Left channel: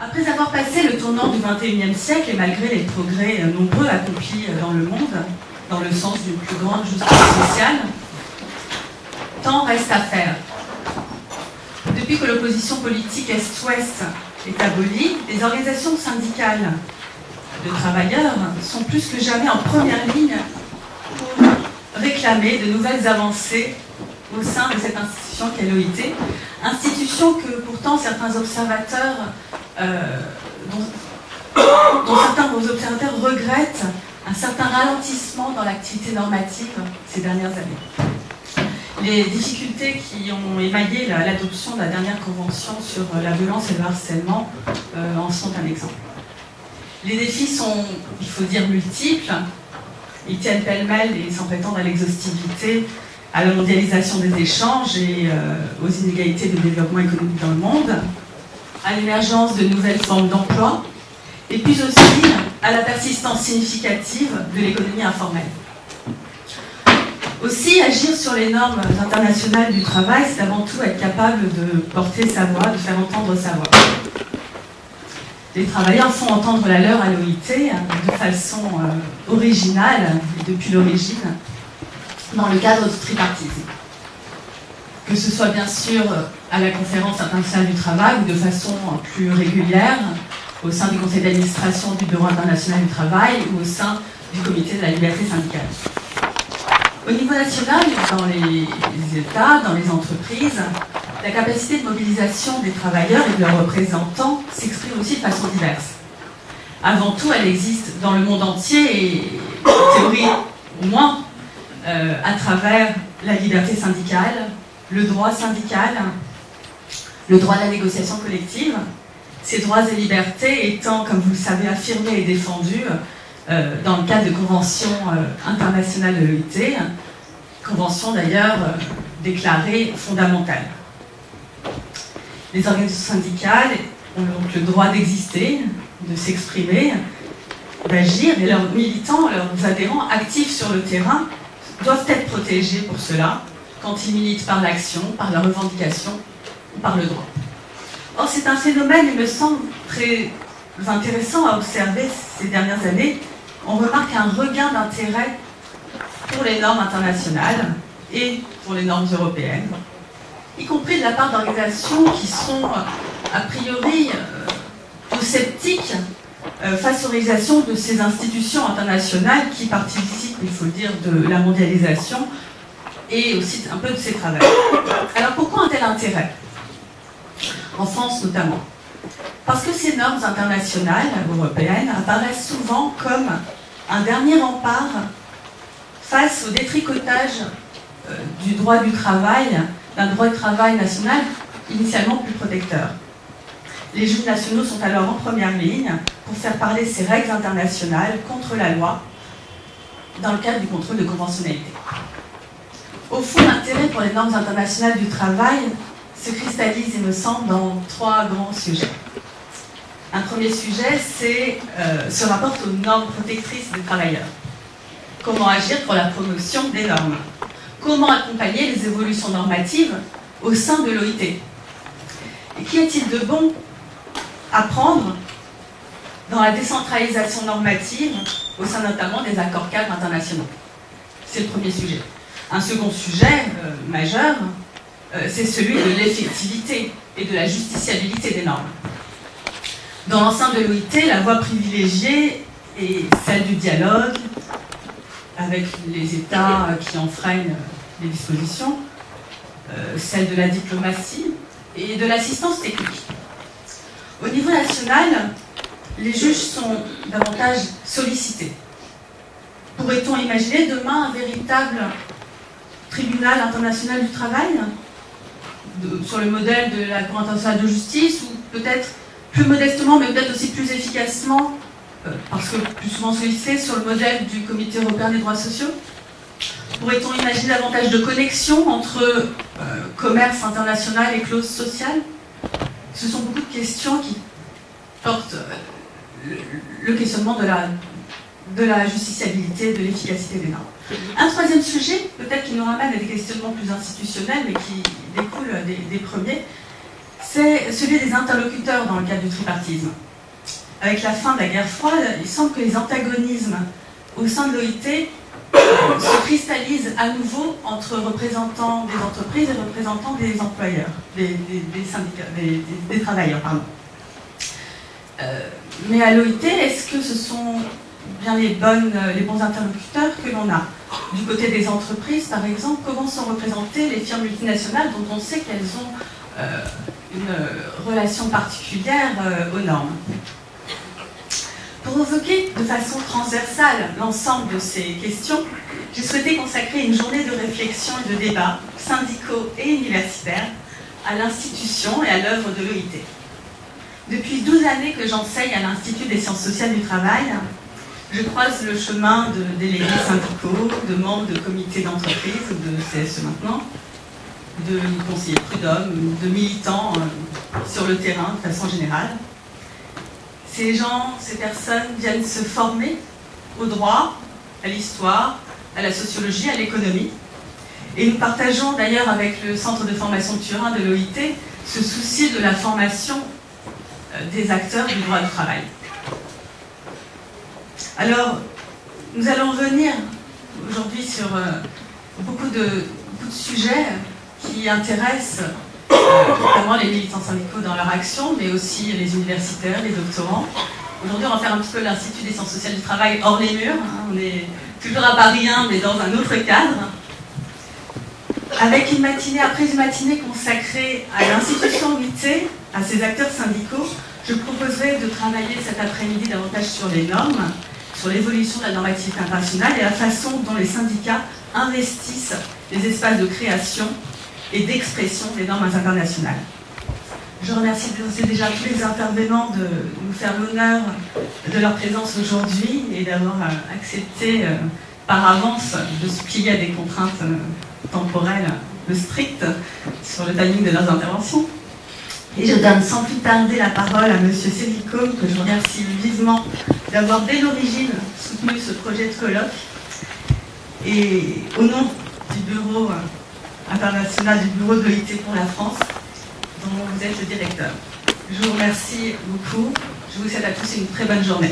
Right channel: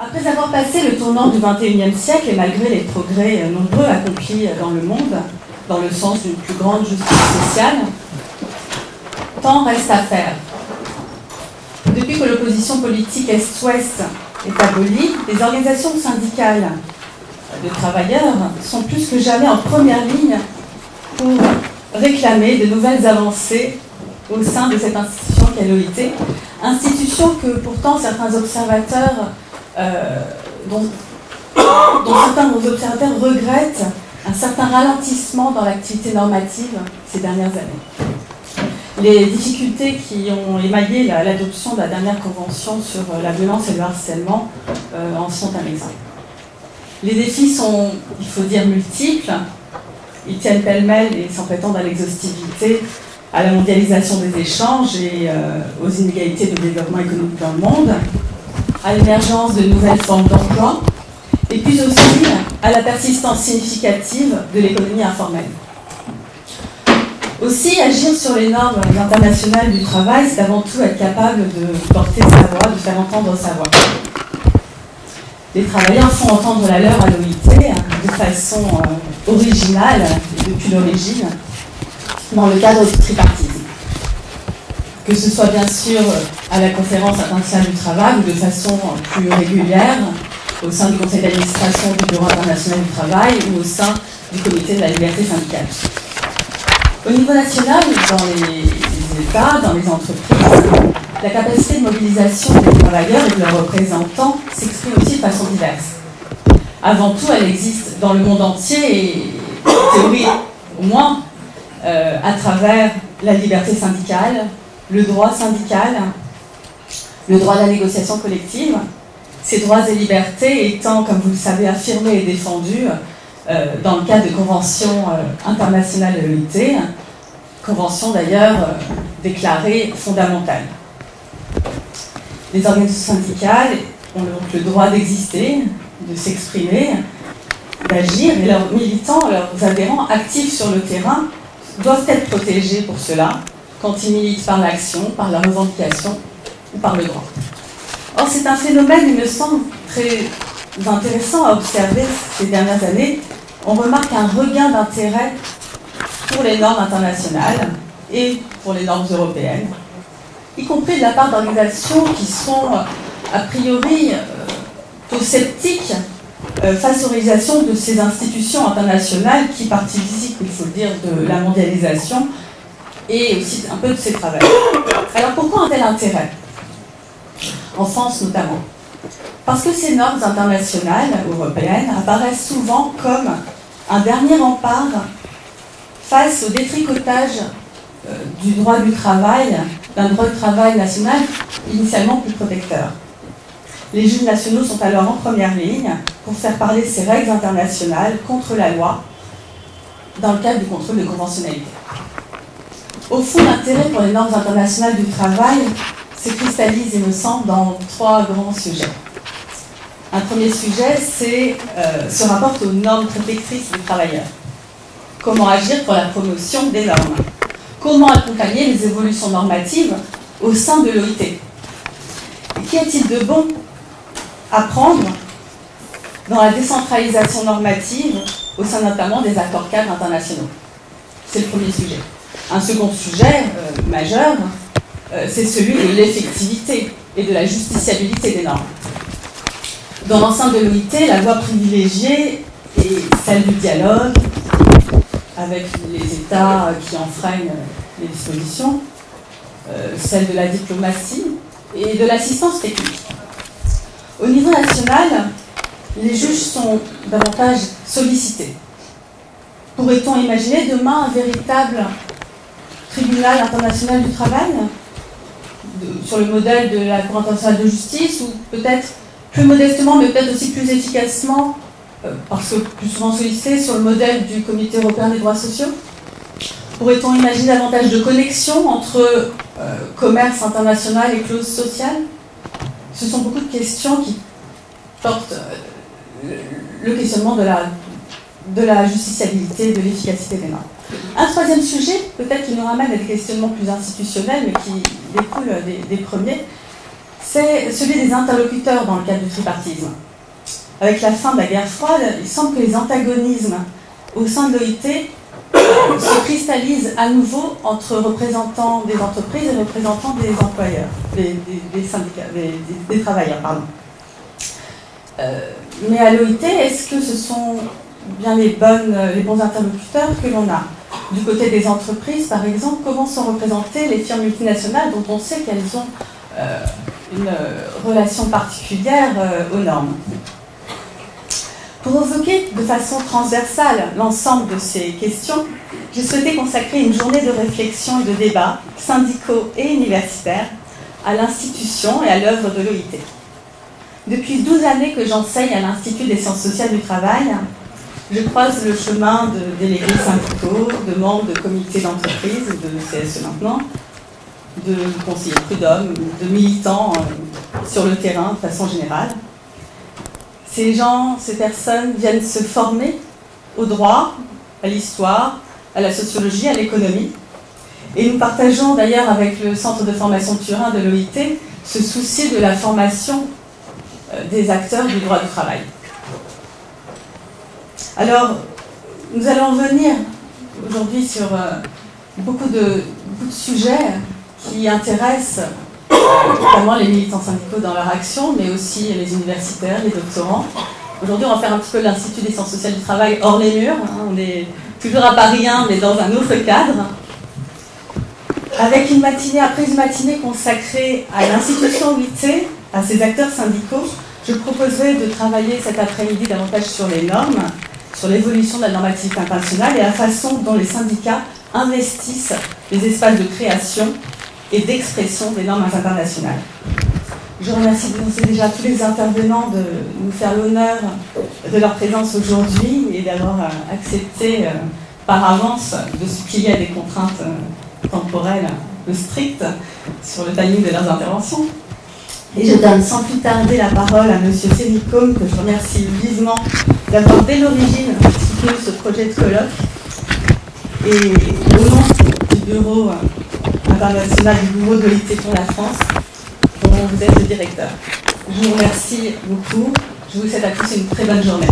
Après avoir passé le tournant du XXIe siècle et malgré les progrès nombreux accomplis dans le monde, dans le sens d'une plus grande justice sociale, tant reste à faire. Depuis que l'opposition politique Est-Ouest est abolie, les organisations syndicales de travailleurs sont plus que jamais en première ligne pour réclamer de nouvelles avancées au sein de cette institution qu'est l'OIT, institution que pourtant certains observateurs, dont certains observateurs regrettent un certain ralentissement dans l'activité normative ces dernières années. Les difficultés qui ont émaillé l'adoption de la dernière convention sur la violence et le harcèlement en sont un exemple. Les défis sont, il faut dire, multiples. Ils tiennent pêle-mêle et sans prétendre à l'exhaustivité à la mondialisation des échanges et aux inégalités de développement économique dans le monde, à l'émergence de nouvelles formes d'emploi, et puis aussi à la persistance significative de l'économie informelle. Aussi, agir sur les normes internationales du travail, c'est avant tout être capable de porter sa voix, de faire entendre sa voix. Les travailleurs font entendre la leur à l'OIT de façon originale, depuis l'origine, dans le cadre du tripartisme. Que ce soit bien sûr à la conférence internationale du travail ou de façon plus régulière au sein du conseil d'administration du Bureau international du travail ou au sein du comité de la liberté syndicale. Au niveau national, dans les États, dans les entreprises, la capacité de mobilisation des travailleurs et de leurs représentants s'exprime aussi de façon diverse. Avant tout, elle existe dans le monde entier et, en théorie, au moins, à travers la liberté syndicale, le droit syndical, le droit de la négociation collective, ces droits et libertés étant, comme vous le savez, affirmés et défendus dans le cadre de conventions internationales de l'OIT, convention d'ailleurs déclarée fondamentale. Les organisations syndicales ont donc le droit d'exister, de s'exprimer, d'agir, et leurs militants, leurs adhérents actifs sur le terrain doivent être protégés pour cela, quand ils militent par l'action, par la revendication ou par le droit. Or, c'est un phénomène, il me semble, très intéressant à observer ces dernières années. On remarque un regain d'intérêt pour les normes internationales et pour les normes européennes, y compris de la part d'organisations qui sont a priori plutôt sceptiques face aux réalisations de ces institutions internationales qui participent, il faut le dire, de la mondialisation et aussi un peu de ses travaux. Alors pourquoi un tel intérêt? En France notamment. Parce que ces normes internationales européennes apparaissent souvent comme un dernier rempart face au détricotage du droit du travail, d'un droit du travail national initialement plus protecteur. Les juges nationaux sont alors en première ligne pour faire parler ces règles internationales contre la loi dans le cadre du contrôle de conventionnalité. Au fond, l'intérêt pour les normes internationales du travail se cristallise, il me semble, dans trois grands sujets. Un premier sujet, se rapporte aux normes protectrices des travailleurs. Comment agir pour la promotion des normes? Comment accompagner les évolutions normatives au sein de l'OIT? Et qu'y a-t-il de bon à prendre dans la décentralisation normative au sein notamment des accords cadres internationaux? C'est le premier sujet. Un second sujet majeur, c'est celui de l'effectivité et de la justiciabilité des normes. Dans l'enceinte de l'OIT, la voie privilégiée est celle du dialogue avec les États qui enfreignent les dispositions, celle de la diplomatie et de l'assistance technique. Au niveau national, les juges sont davantage sollicités. Pourrait-on imaginer demain un véritable tribunal international du travail sur le modèle de la Cour internationale de justice, ou peut-être plus modestement, mais peut-être aussi plus efficacement, parce que plus souvent sollicité, sur le modèle du Comité européen des droits sociaux? Pourrait-on imaginer davantage de connexion entre commerce international et clauses sociales? Ce sont beaucoup de questions qui portent le questionnement de la justiciabilité, de l'efficacité des normes. Un troisième sujet, peut-être qui nous ramène à des questionnements plus institutionnels, mais qui découlent des premiers, c'est celui des interlocuteurs dans le cadre du tripartisme. Avec la fin de la guerre froide, il semble que les antagonismes au sein de l'OIT se cristallisent à nouveau entre représentants des entreprises et représentants des employeurs, des syndicats, des travailleurs, pardon. Mais à l'OIT, est-ce que ce sont bien les bons interlocuteurs que l'on a? Du côté des entreprises, par exemple, comment sont représentées les firmes multinationales dont on sait qu'elles ont une relation particulière aux normes? Pour évoquer de façon transversale l'ensemble de ces questions, j'ai souhaité consacrer une journée de réflexion et de débat, syndicaux et universitaires, à l'institution et à l'œuvre de l'OIT. Depuis 12 années que j'enseigne à l'Institut des sciences sociales du travail, je croise le chemin de délégués syndicaux, de membres de comités d'entreprise, de CSE maintenant, de conseillers prud'hommes, de militants sur le terrain de façon générale. Ces gens, ces personnes viennent se former au droit, à l'histoire, à la sociologie, à l'économie. Et nous partageons d'ailleurs avec le Centre de formation Turin de l'OIT ce souci de la formation des acteurs du droit du travail. Alors, nous allons revenir aujourd'hui sur beaucoup de sujets qui intéressent notamment les militants syndicaux dans leur action, mais aussi les universitaires, les doctorants. Aujourd'hui, on va faire un petit peu l'Institut des sciences sociales du travail hors les murs. On est toujours à Paris 1, mais dans un autre cadre. Avec une matinée après une matinée consacrée à l'institution OIT, à ses acteurs syndicaux, je proposerai de travailler cet après-midi davantage sur les normes, sur l'évolution de la normativité internationale et la façon dont les syndicats investissent les espaces de création et d'expression des normes internationales. Je remercie déjà tous les intervenants de nous faire l'honneur de leur présence aujourd'hui et d'avoir accepté par avance de se plier à des contraintes temporelles peu strictes sur le timing de leurs interventions. Et je donne sans plus tarder la parole à M. Sénicôme, que je remercie vivement d'avoir dès l'origine soutenu ce projet de colloque. Et au nom du Bureau international du Bureau de l'OIT pour la France, dont vous êtes le directeur. Je vous remercie beaucoup. Je vous souhaite à tous une très bonne journée.